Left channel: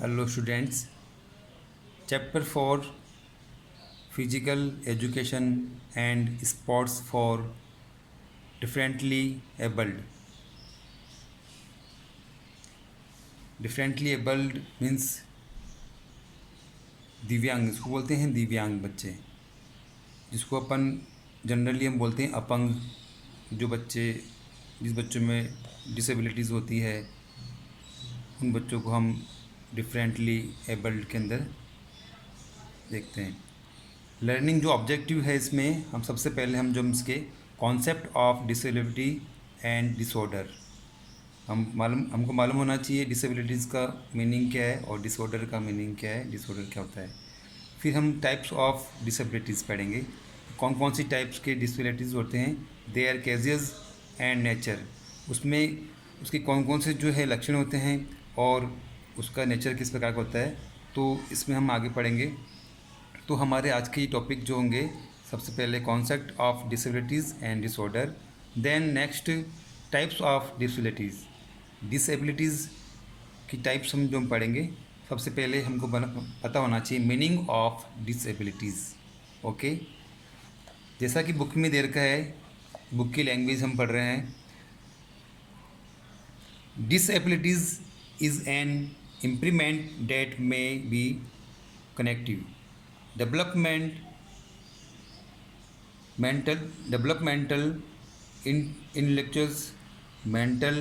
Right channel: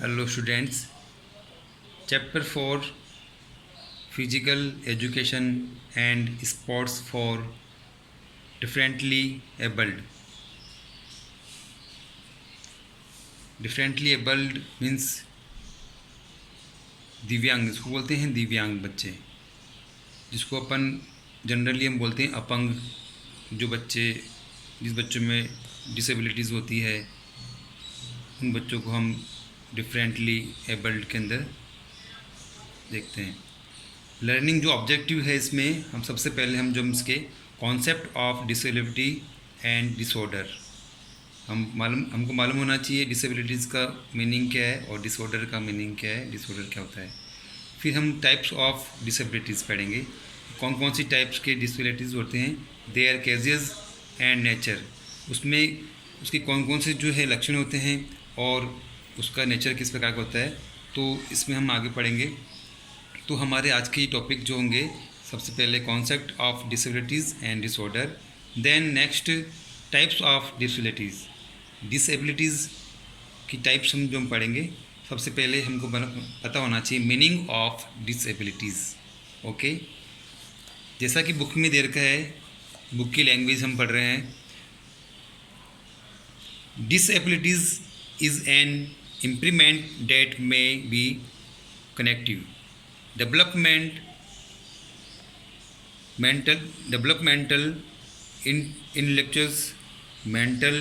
Hello students. Chapter 4, Physical Education and Sports for Differently Abled. Differently abled means दिव्यांग, इसको बोलते हैं दिव्यांग बच्चे, जिसको अपन जनरली हम बोलते हैं अपंग। जो बच्चे, जिस बच्चों में डिसेबिलिटीज़ होती है, उन बच्चों को हम डिफरेंटली एबल्ड के अंदर देखते हैं। लर्निंग जो ऑब्जेक्टिव है इसमें, हम सबसे पहले हम जो इसके concept of disability and disorder, हमको मालूम होना चाहिए डिसेबिलिटीज़ का मीनिंग क्या है और डिसऑर्डर का मीनिंग क्या है, डिसऑर्डर क्या होता है। फिर हम टाइप्स ऑफ डिसेबिलिटीज़ पढ़ेंगे, कौन कौन सी टाइप्स के डिसेबिलिटीज़ होते हैं, देयर केजेस एंड नेचर, उसमें उसके कौन कौन से जो है लक्षण होते हैं और उसका नेचर किस प्रकार का होता है, तो इसमें हम आगे पढ़ेंगे। तो हमारे आज के टॉपिक जो होंगे, सबसे पहले concept of disabilities and disorder, then next types of disabilities, disabilities की टाइप्स हम पढ़ेंगे। सबसे पहले हमको पता होना चाहिए मीनिंग ऑफ डिसेबिलिटीज़। ओके, जैसा कि बुक में दे रखा है, बुक की लैंग्वेज हम पढ़ रहे हैं। Disabilities is an improvement that may be connective developmental, intellectual, mental,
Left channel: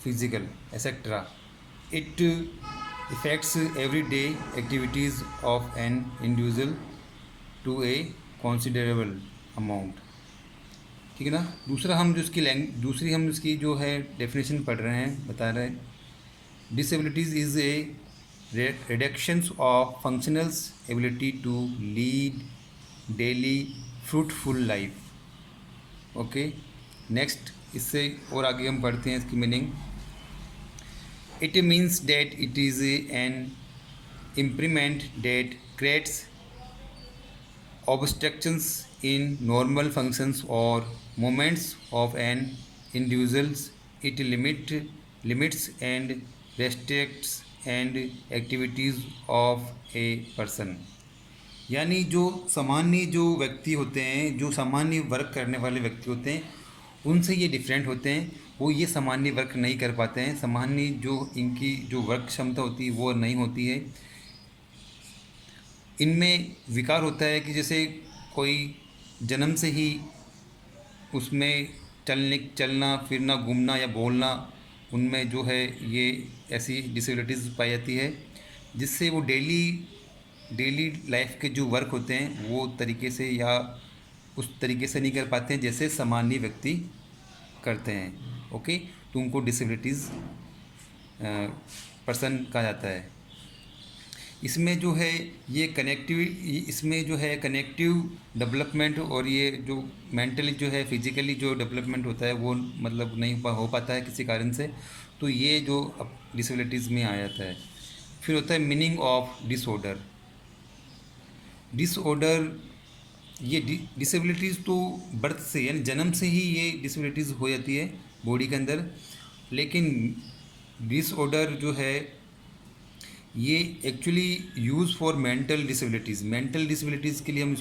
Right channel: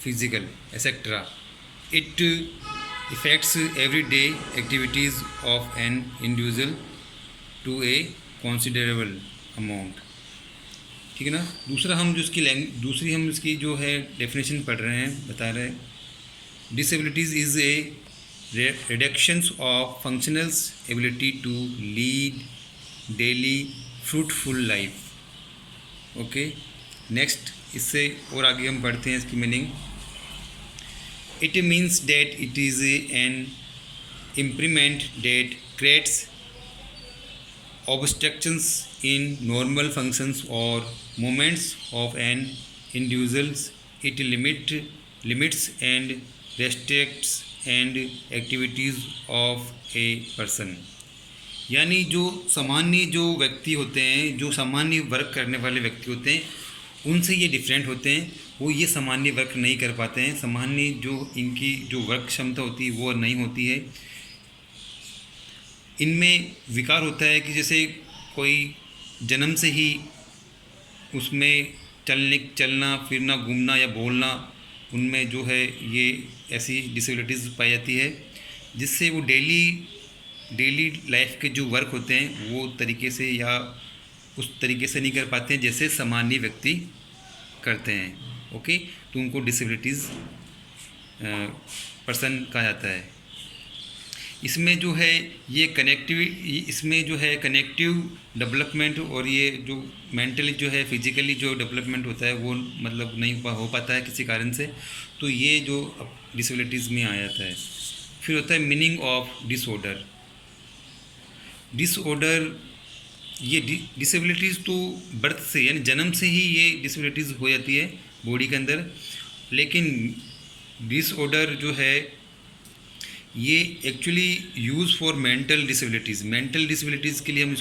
physical, etc. It affects everyday activities of an individual to a considerable amount। ठीक है ना। दूसरा हम जो इसकी जो है डेफिनेशन पढ़ रहे हैं, बता रहे हैं, disabilities is a reductions of functional's ability to lead daily fruitful life। Okay, next इससे और आगे हम पढ़ते हैं इसकी meaning. It means that it is an improvement that creates obstructions in normal functions or movements of an individual। It limits and restricts and activities of a person. यानी जो सामान्य जो व्यक्ति होते हैं, जो सामान्य वर्क करने वाले व्यक्ति होते हैं, उनसे ये डिफरेंट होते हैं। वो ये सामान्य वर्क नहीं कर पाते हैं, सामान्य जो इनकी जो वर्क क्षमता होती है वो नहीं होती है। इनमें विकार होता है कि जैसे कोई जन्म से ही उसमें चलना फिरना, घूमना या बोलना, उनमें जो है ये ऐसी डिसेबिलिटीज़ पाई जाती है, जिससे वो डेली लाइफ के जो वर्क होते हैं वो तरीके से या उस तरीके से नहीं कर पाते हैं जैसे सामान्य व्यक्ति करते हैं। ओके, तो उनको डिसेबिलिटीज़ पर्सन कहा जाता है। इसमें जो है ये इसमें जो है कनेक्टिव डेवलपमेंट और ये जो मेंटली जो है फिजिकली जो डेवलपमेंट होता है वो मतलब नहीं हो पाता है किसी कारण से, तो ये जो डिसेबिलिटीज़ में आ जाता है। फिर होता है मीनिंग ऑफ डिसऑर्डर। ये डिसेबिलिटीज़ तो बर्थ से यानी जन्म से ही ये डिसेबिलिटीज़ हो जाती है बॉडी के अंदर, लेकिन डिसऑर्डर जो है ये actually use for mental disabilities के लिए हम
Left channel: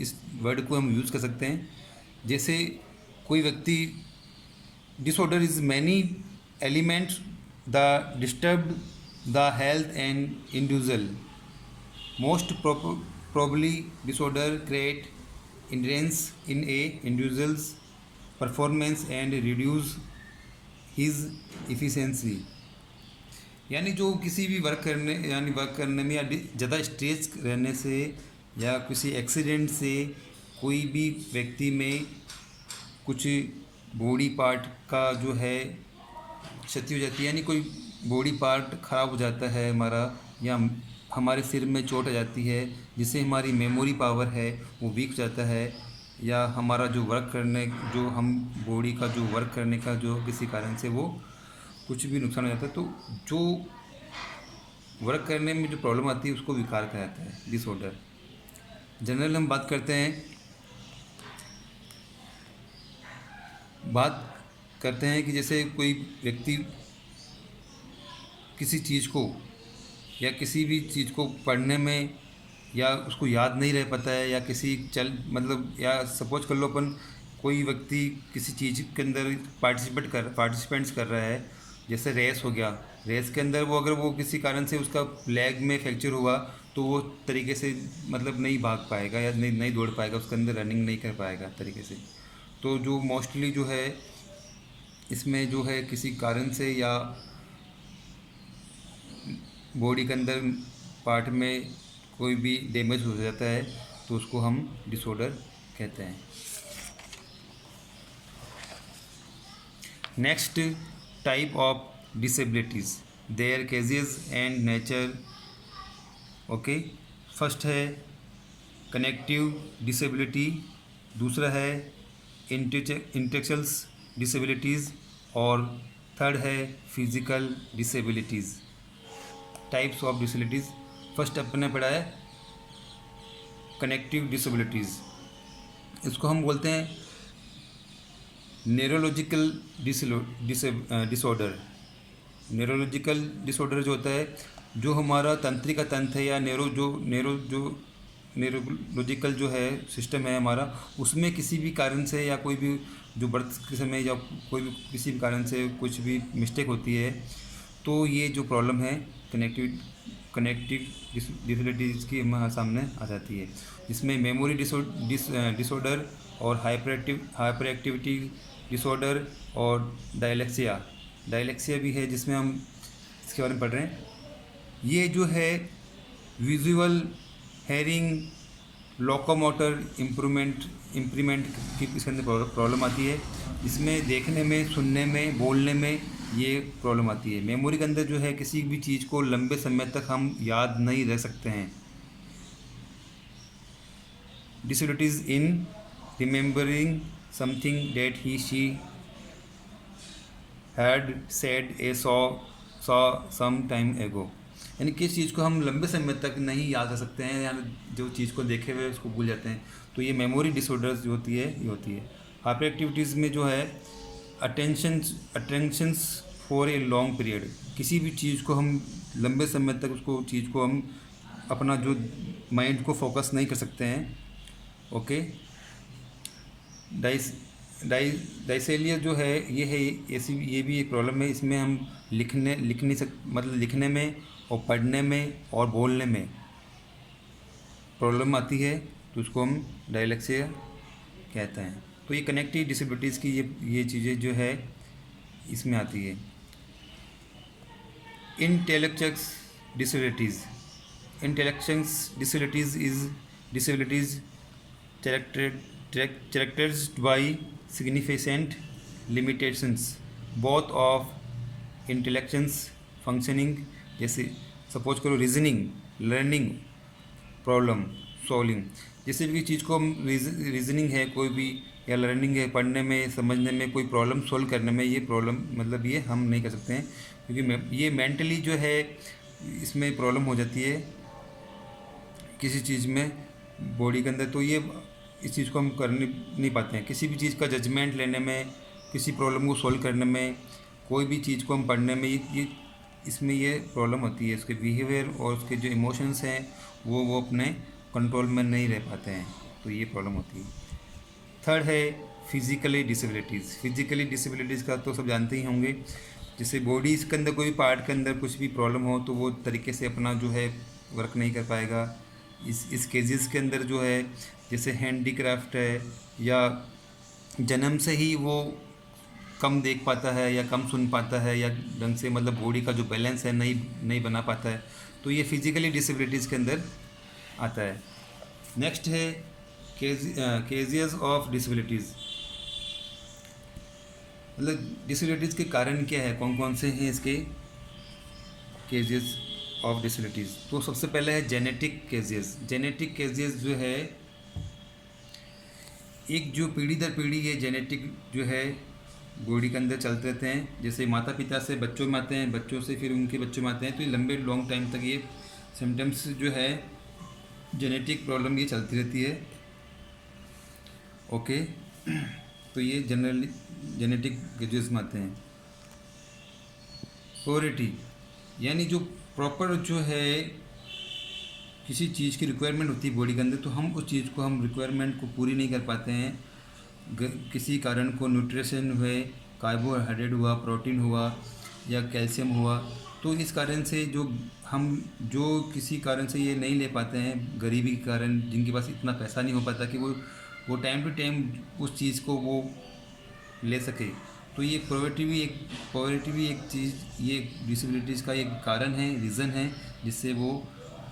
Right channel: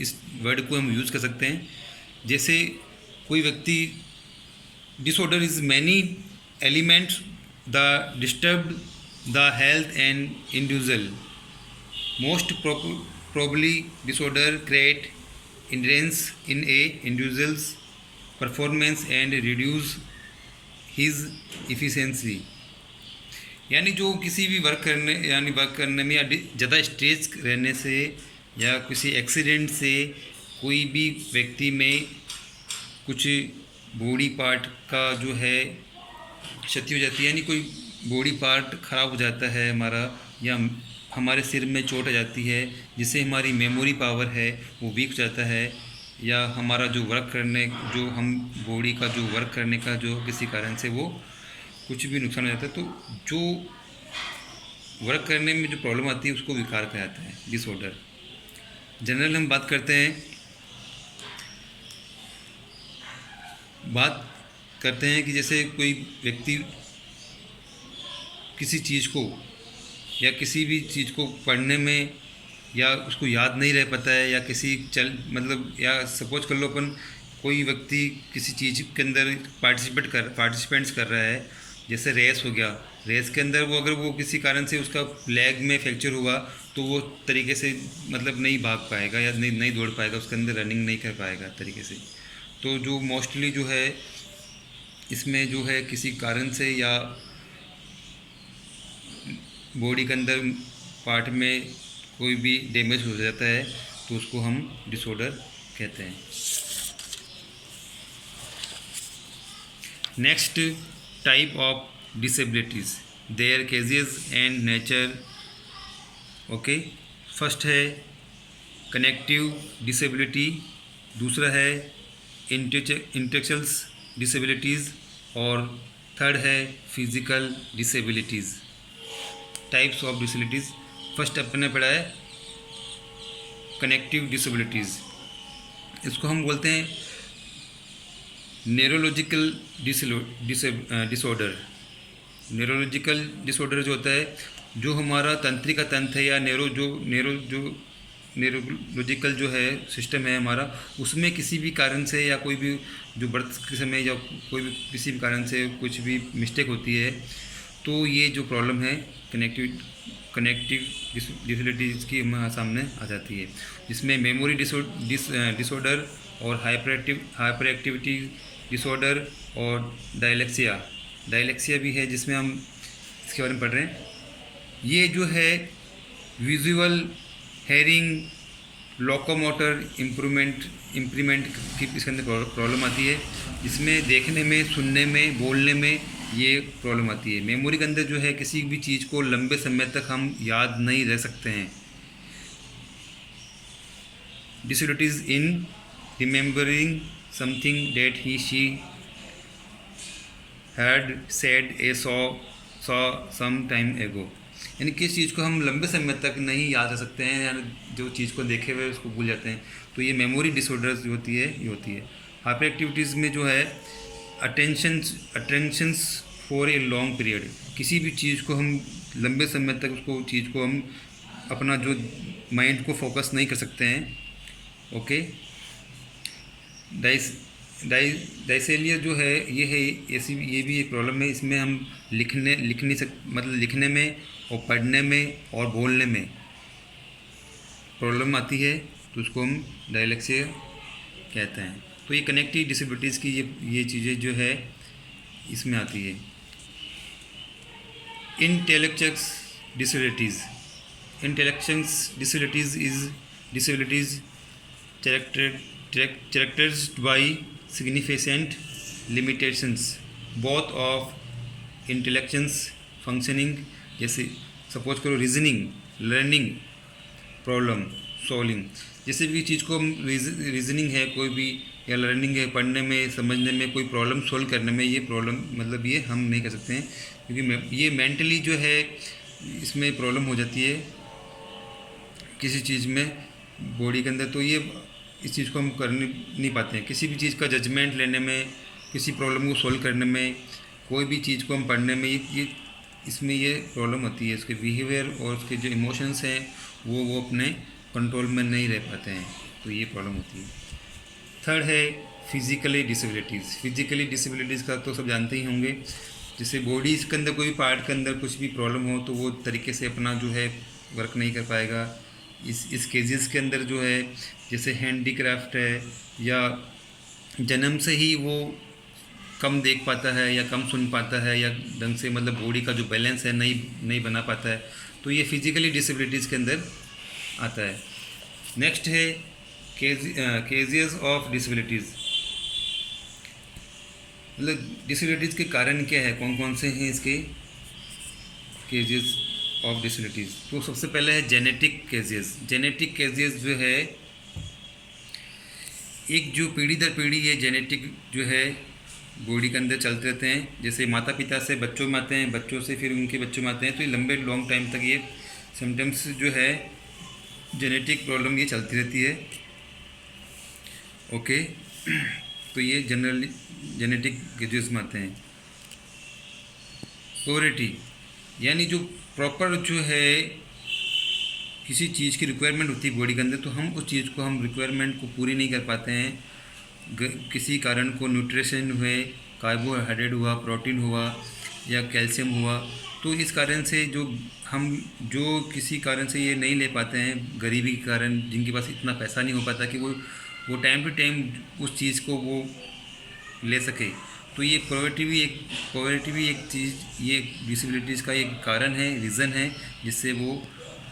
इस वर्ड को हम यूज़ कर सकते हैं। जैसे कोई व्यक्ति, disorder is many elements the disturb the health and individual. Most probably disorder create hindrance in a individual's performance and reduce his efficiency। यानी जो किसी भी वर्क करने में या ज़्यादा स्ट्रेस रहने से या किसी एक्सीडेंट से कोई भी व्यक्ति में कुछ बॉडी पार्ट का जो है क्षति हो जाती है, यानी कोई बॉडी पार्ट ख़राब हो जाता है हमारा, या हमारे सिर में चोट आ जाती है जिससे हमारी मेमोरी पावर है वो वीक हो जाता है, या हमारा जो हम बॉडी का जो वर्क करने का जो किसी कारण से वो कुछ भी नुकसान हो जाता है, तो जो वर्क करने में जो प्रॉब्लम आती है उसको विकार कहा जाता है, डिसऑर्डर। जनरल हम बात करते हैं कि जैसे कोई व्यक्ति किसी चीज़ को या किसी भी चीज़ को पढ़ने में या उसको याद नहीं रह पाता है, या किसी मतलब या सपोज कर लो अपन कोई व्यक्ति किसी चीज़ के अंदर पार्टिसिपेंट्स कर रहा है, जैसे रेस हो गया, रेस के अंदर वो अगर वो किसी कारण से उसका लेग में फ्रैक्चर हुआ तो वो तरीके से मतलब नहीं भाग पाएगा या नहीं दौड़ पाएगा, उसके अंदर रनिंग नहीं कर पाएगा तरीके से। तो जो मोस्टली जो है इसमें जो है किसी कारण से या बॉडी के अंदर पार्ट में कोई भी डैमेज हो जाता है तो उसको हम डिसऑर्डर कहते हैं। Next type of disabilities, their causes and nature. Okay, first है कनेक्टिव डिसेबिलिटी, दूसरा है इंटेलेक्चुअल डिसेबिलिटीज़ और थर्ड है physical disabilities. Types of disabilities, first अपने पढ़ा है कनेक्टिव डिसेबिलिटीज़। इसको हम बोलते हैं न्यूरोलॉजिकल डिसऑर्डर। न्यूरोलॉजिकल डिसऑर्डर जो होता है, जो हमारा तंत्रिका तंत्र है या न्यूरोलॉजिकल जो है सिस्टम है हमारा, उसमें किसी भी कारण से या कोई भी जो बर्थ के समय या कोई भी किसी भी कारण से कुछ भी मिस्टेक होती है, तो ये जो प्रॉब्लम है कनेक्टिव डिसेबिलिटीज़ की हमारे सामने आ जाती है, जिसमें मेमोरी डिसऑर्डर और हाइपर एक्टिविटी डिसऑर्डर और डायलेक्सिया भी है, जिसमें हम इसके बारे में पढ़ रहे हैं। ये जो है विजुअल, हेयरिंग, लोकोमोटर इम्प्रूवमेंट की इसके अंदर प्रॉब्लम आती है। इसमें देखने में, सुनने में, बोलने में ये प्रॉब्लम आती है। मेमोरी के अंदर जो है किसी भी चीज़ को लंबे समय तक हम याद नहीं रह सकते हैं। Disabilities in remembering something that he she had said a saw some time ago, यानी किस चीज़ को हम लंबे समय तक नहीं याद रख सकते हैं, यानी जो चीज़ को देखे हुए उसको भूल जाते हैं। तो ये मेमोरी डिसऑर्डर्स जो होती है ये होती है। हाइपर एक्टिविटीज़ में जो है attentions for a long period, किसी भी चीज़ को हम लंबे समय तक उसको चीज़ को हम अपना जो माइंड को फोकस नहीं कर सकते हैं। ओके, डाइसेलिया जो है ऐसी ये भी एक प्रॉब्लम है। इसमें हम लिखने में और पढ़ने में और बोलने में प्रॉब्लम आती है, तो उसको हम डायलेक्सिया कहते हैं। तो ये कनेक्टिव डिसेबिलिटीज़ की ये चीज़ें जो है इसमें आती है। Intellectual disabilities is disabilities characterized by significant limitations both of intellectual functioning, जैसे सपोज करो रीजनिंग, लर्निंग, प्रॉब्लम सॉल्विंग, जैसे भी चीज़ को हम रीजनिंग है कोई भी या लर्निंग है, पढ़ने में, समझने में, कोई प्रॉब्लम सॉल्व करने में, ये प्रॉब्लम मतलब ये हम नहीं कर सकते हैं, क्योंकि ये मेंटली जो है इसमें प्रॉब्लम हो जाती है किसी चीज़ में बॉडी के अंदर। तो ये इस चीज़ को हम कर नहीं पाते हैं। किसी भी चीज़ का जजमेंट लेने में, किसी प्रॉब्लम को सॉल्व करने में, कोई भी चीज़ को हम पढ़ने में, ये इसमें ये प्रॉब्लम होती है। उसके बिहेवियर और उसके जो इमोशंस हैं वो अपने कंट्रोल में नहीं रह पाते हैं, तो ये प्रॉब्लम होती है। थर्ड है फिजिकली डिसेबिलिटीज़ का तो सब जानते ही होंगे। जैसे बॉडी के अंदर कोई पार्ट के अंदर कुछ भी प्रॉब्लम हो तो वो तरीके से अपना जो है वर्क नहीं कर पाएगा। इस केजेस के अंदर जो है जैसे हैंडीक्राफ्ट है, या जन्म से ही वो कम देख पाता है या कम सुन पाता है, या ढंग से मतलब बॉडी का जो बैलेंस है नहीं बना पाता है, तो ये फिजिकली डिसेबिलिटीज़ के अंदर आता है। नेक्स्ट है केजेस ऑफ डिसेबिलिटीज़, मतलब डिसेबिलिटीज़ के कारण क्या है, कौन कौन से हैं इसके केजेस ऑफ डिसेबिलिटीज़। तो सबसे पहले है जेनेटिक केजेस जो है एक जो पीढ़ी दर पीढ़ी ये जेनेटिक जो है बॉडी के अंदर चलते रहते हैं। जैसे माता पिता से बच्चों में आते हैं, बच्चों से फिर उनके बच्चों में आते हैं, तो ये लॉन्ग टाइम तक ये सिम्टम्स जो है जेनेटिक प्रॉब्लम ये चलती रहती है। ओके, तो ये जनरली जेनेटिक केजेस में आते हैं। यानी जो प्रॉपर जो है किसी चीज़ की रिक्वायरमेंट होती है बॉडी के अंदर, तो हम उस चीज़ को हम रिक्वायरमेंट को पूरी नहीं कर पाते हैं। किसी कारण को न्यूट्रिशन हुए, कार्बोहाइड्रेट हुआ, प्रोटीन हुआ या कैल्शियम हुआ, तो इस कारण से जो किसी कारण से ये नहीं ले पाते हैं, गरीबी के कारण, जिनके पास इतना पैसा नहीं हो पाता कि वो टाइम टू टाइम उस चीज़ को वो ले सके, तो ये पॉवर्टी भी एक चीज़, ये डिसेबिलिटीज़ का एक कारण है, रीज़न है जिससे वो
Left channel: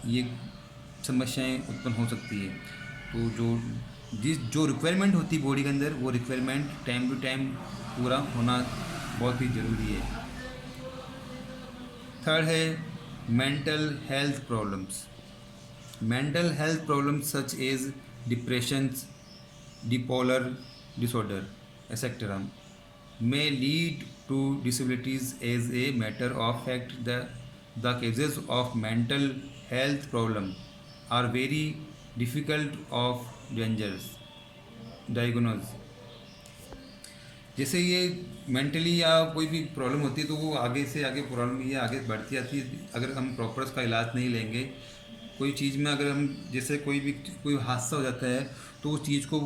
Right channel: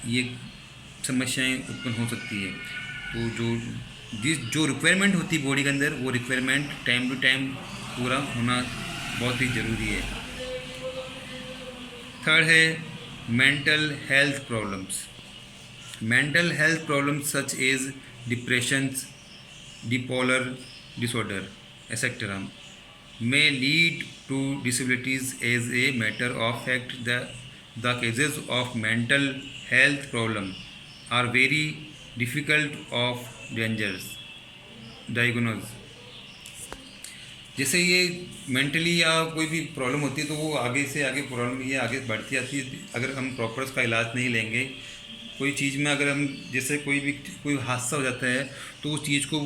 ये समस्याएं उत्पन्न हो सकती है। तो जो रिक्वायरमेंट होती है बॉडी के अंदर, वो रिक्वायरमेंट टाइम टू टाइम पूरा होना बहुत ही ज़रूरी है। थर्ड है mental health problems. Mental health problems such as depression, bipolar disorder, etc. may lead to disabilities. As a matter of fact, the cases of mental health problem are very difficult of diagnose. जैसे ये mentally या कोई भी problem होती है तो वो आगे से आगे प्रॉब्लम ये आगे बढ़ती जाती है अगर हम प्रॉपर उसका इलाज नहीं लेंगे। कोई चीज़ में अगर हम जैसे कोई हादसा हो जाता है तो उस चीज़ को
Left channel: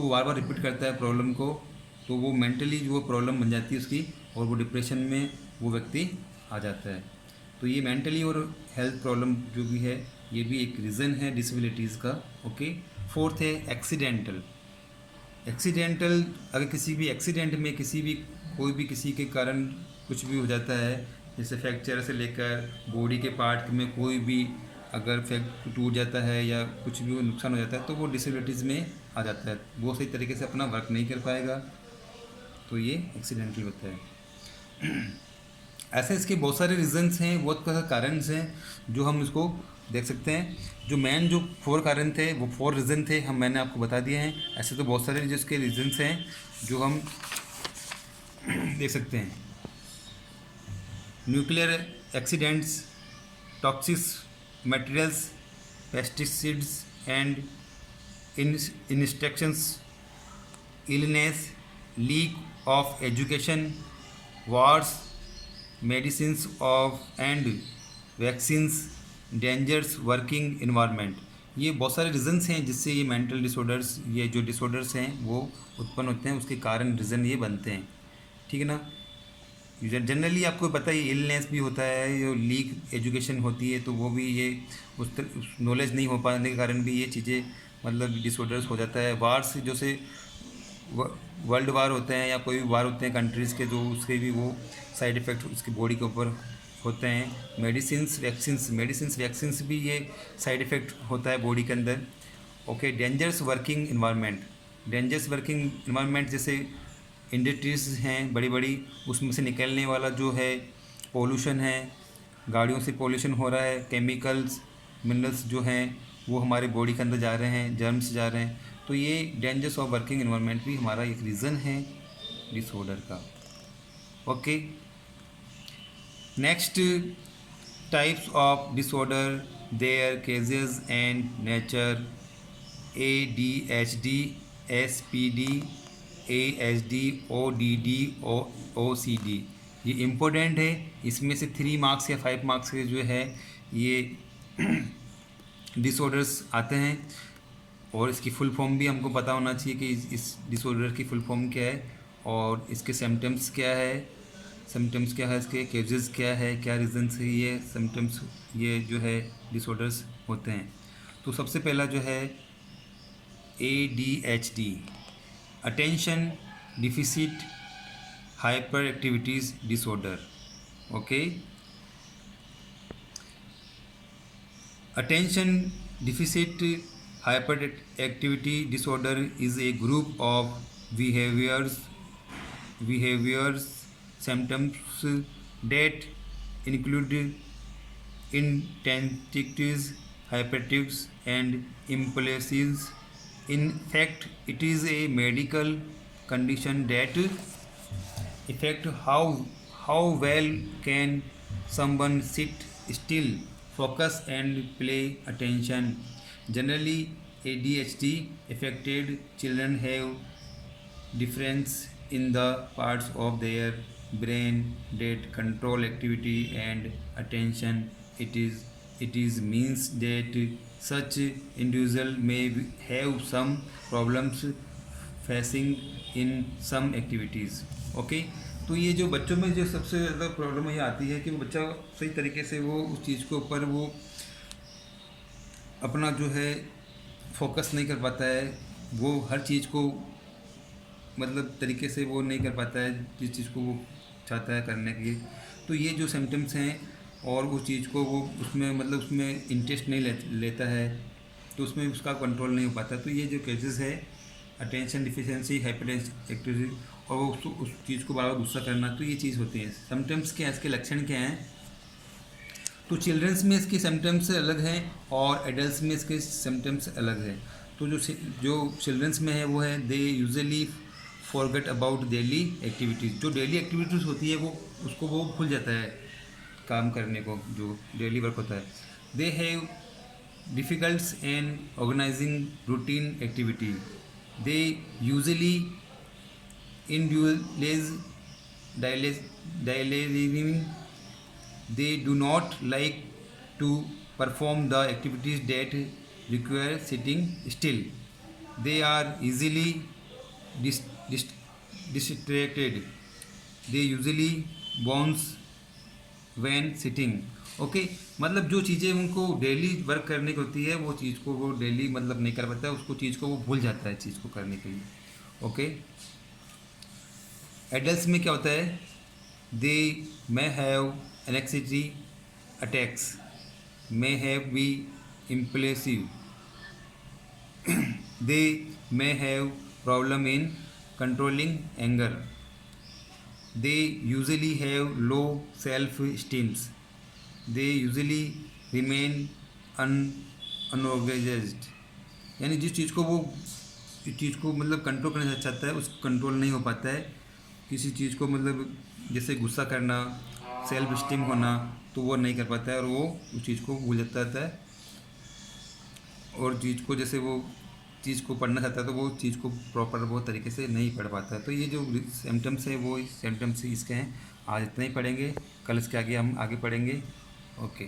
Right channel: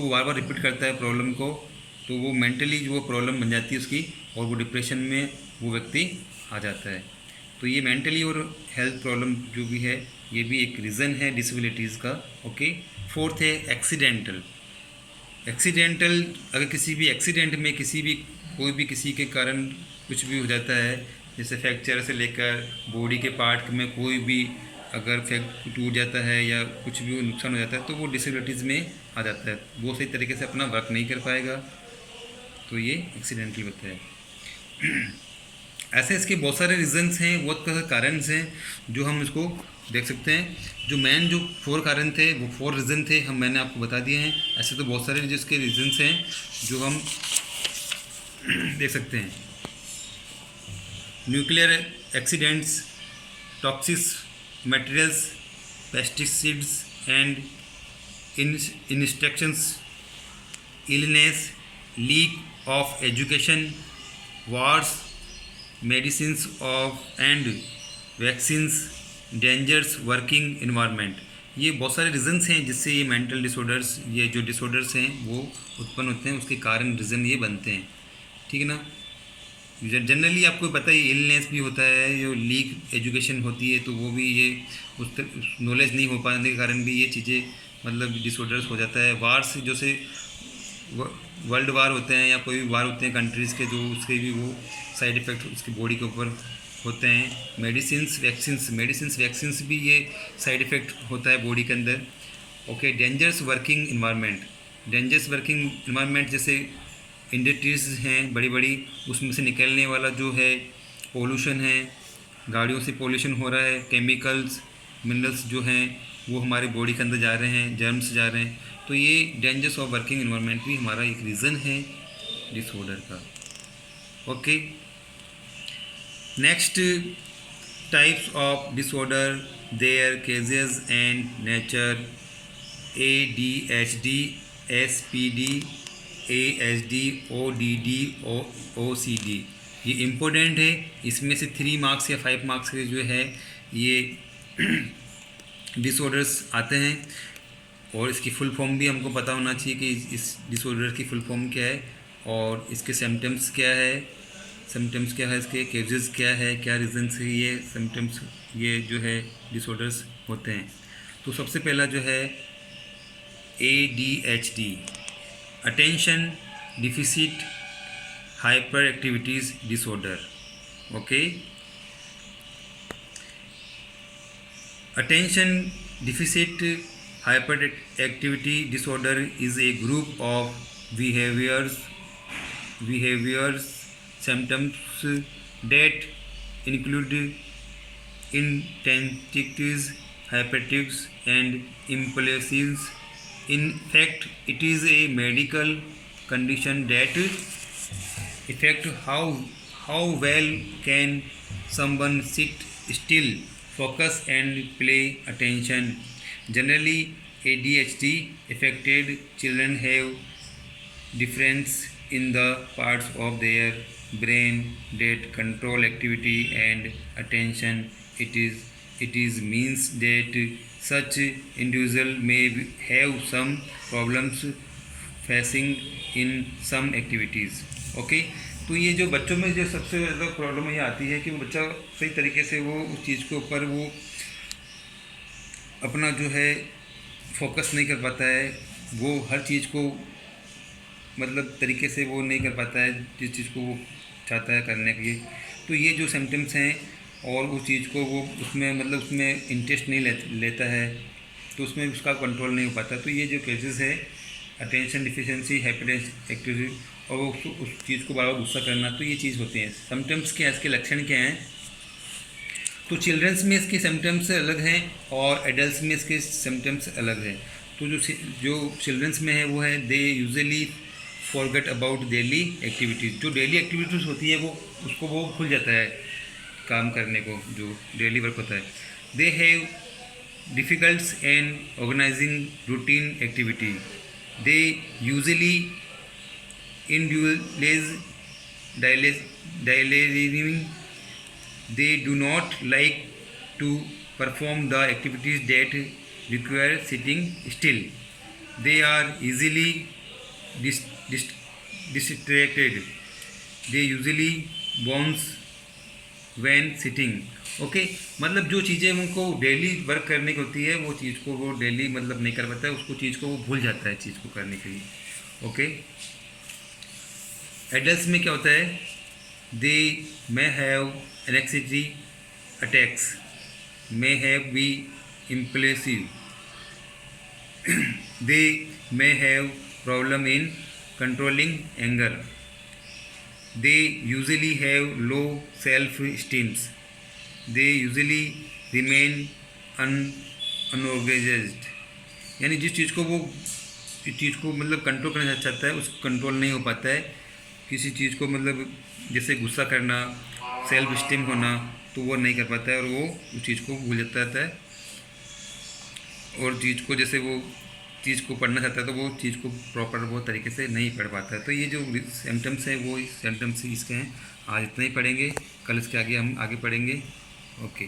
वो बार बार रिपीट करता है प्रॉब्लम को, तो वो मेंटली वो प्रॉब्लम बन जाती है उसकी, और वो डिप्रेशन में वो व्यक्ति आ जाता है। तो ये मेंटली और हेल्थ प्रॉब्लम जो भी है, ये भी एक रीज़न है डिसेबिलिटीज़ का। ओके। फोर्थ है एक्सीडेंटल। अगर किसी भी एक्सीडेंट में कोई भी किसी के कारण कुछ भी हो जाता है, जैसे फ्रैक्चर से लेकर बॉडी के पार्ट में कोई भी अगर टूट जाता है या कुछ भी नुकसान हो जाता है, तो वो डिसेबिलिटीज़ में आ जाता है, वो सही तरीके से अपना वर्क नहीं कर पाएगा, तो ये एक्सीडेंटल होता है। ऐसे इसके बहुत सारे रीजंस हैं, बहुत सारे कारण हैं जो हम इसको देख सकते हैं। जो 4 कारण थे, वो 4 रीज़न थे, मैंने आपको बता दिए हैं। ऐसे तो बहुत सारे जिसके रीजंस हैं जो हम देख सकते हैं। Nuclear accidents, toxic materials, pesticides and instructions, illness, leak of education, wars, medicines of and vaccines, dangers working environment. ये बहुत सारे रीजंस हैं जिससे ये मेंटल डिसऑर्डर्स, ये जो डिसऑर्डर्स हैं वो उत्पन्न होते हैं, उसके कारण रीज़न ये बनते हैं। ठीक है ना। जनरली आपको पता है इलनेस भी होता है, जो लीक एजुकेशन होती है, तो वो भी ये उस नॉलेज नहीं हो पाने के कारण भी ये चीज़ें मतलब डिसऑर्डर्स हो जाता है। वार्स जैसे वर्ल्ड वार होते हैं या कोई भी वार होते हैं कंट्रीज़ के, तो उसके भी वो साइड इफ़ेक्ट उसकी बॉडी के ऊपर होते हैं। मेडिसिन्स वैक्सीन्स भी ये साइड इफ़ेक्ट होता है बॉडी के अंदर। ओके। डेंजरस वर्किंग इन्वायरमेंट जैसे इंडस्ट्रीज हैं बड़ी बड़ी, उसमें से निकलने वाला जो है पोल्यूशन है, गाड़ियों से पोल्यूशन हो रहा है, केमिकल्स मिनरल्स जो हैं वो हमारे बॉडी के अंदर जा रहे हैं, जर्म्स जा रहे हैं, तो ये डेंजर्स ऑफ वर्किंग इन्वायरमेंट भी हमारा एक रीज़न है डिसऑर्डर का। Okay. Next types of disorder, their causes and nature. ADHD, SPD, ASD, ODD, OCD। ये इम्पोर्टेंट है, इसमें से 3 मार्क्स या 5 मार्क्स के जो है ये डिसऑर्डर्स आते हैं, और इसकी फुल फॉर्म भी हमको पता होना चाहिए कि इस डिसऑर्डर की फुल फॉर्म क्या है और इसके सिम्टम्स क्या है, इसके केजेस क्या है, क्या रीज़न से ये सिम्टम्स ये जो है डिसऑर्डर्स होते हैं। तो सबसे पहला जो है ADHD, attention deficit hyper activities disorder. Okay. Attention deficit hyperactivity disorder is a group of behaviors symptoms that include intensities, hyperactives and impulsives. In fact, it is a medical condition that affect how well can someone sit still, focus and pay attention. Generally, ADHD affected children have difference in the parts of their brain that control activity and attention. It is means that such individual may have some problems facing in some activities. Okay, तो ये जो बच्चों में जो सबसे ज़्यादा problem ये आती है कि वो बच्चा सही तरीके से वो उस चीज़ के ऊपर वो अपना जो है फोकस नहीं कर पाता है, वो हर चीज़ को मतलब तरीके से वो नहीं कर पाता है जिस चीज़ को वो चाहता है करने के लिए। तो ये जो सिम्टम्स हैं और उस चीज़ को वो उसमें मतलब उसमें इंटरेस्ट नहीं लेता है, तो उसमें उसका कंट्रोल नहीं हो पाता। तो ये जो केसेस है अटेंशन डिफिशिएंसी, हाइपर एक्टिविटी और वो उस चीज़ को बार बार गुस्सा करना, तो ये चीज़ होती है। सिम्टम्स क्या है, इसके लक्षण क्या हैं? तो चिल्ड्रंस में इसके सिम्टम्स अलग हैं और एडल्ट्स में इसके सिम्टम्स अलग हैं। तो जो चिल्ड्रंस में है वो है they usually forget about daily activities. जो डेली एक्टिविटीज़ होती है वो उसको वो भूल जाता है काम करने को, जो डेली वर्क होता है। They have difficulties in organising routine activity. They usually individualize. They do not like to perform the activities that require sitting still. They are easily distracted. They usually bounce when sitting. Okay, मतलब जो चीज़ें उनको daily work करने की होती है वो चीज़ को वो डेली मतलब नहीं कर पाता है, उसको चीज़ को वो भूल जाता है चीज़ को करने के लिए। ओके, एडल्ट्स में क्या होता है? They may have anxiety attacks, may have be impulsive, they may have problem in controlling anger, they usually have low self esteems, they usually remain unorganised. यानी जिस चीज़ को मतलब कंट्रोल करना चाहता है उस कंट्रोल नहीं हो पाता है। किसी चीज़ को मतलब जैसे गुस्सा करना, सेल्फ स्टीम होना, तो वो नहीं कर पाता है और वो उस चीज़ को भूल जाता रहता है। और चीज़ को जैसे वो चीज़ को पढ़ना चाहता है तो वो चीज़ को प्रॉपर वो तरीके से नहीं पढ़ पाता है। तो ये जो सिम्टम्स हैं वो सिम्टम्स इसके हैं। आज इतना ही पढ़ेंगे, कल इसके आगे हम आगे पढ़ेंगे। ओके।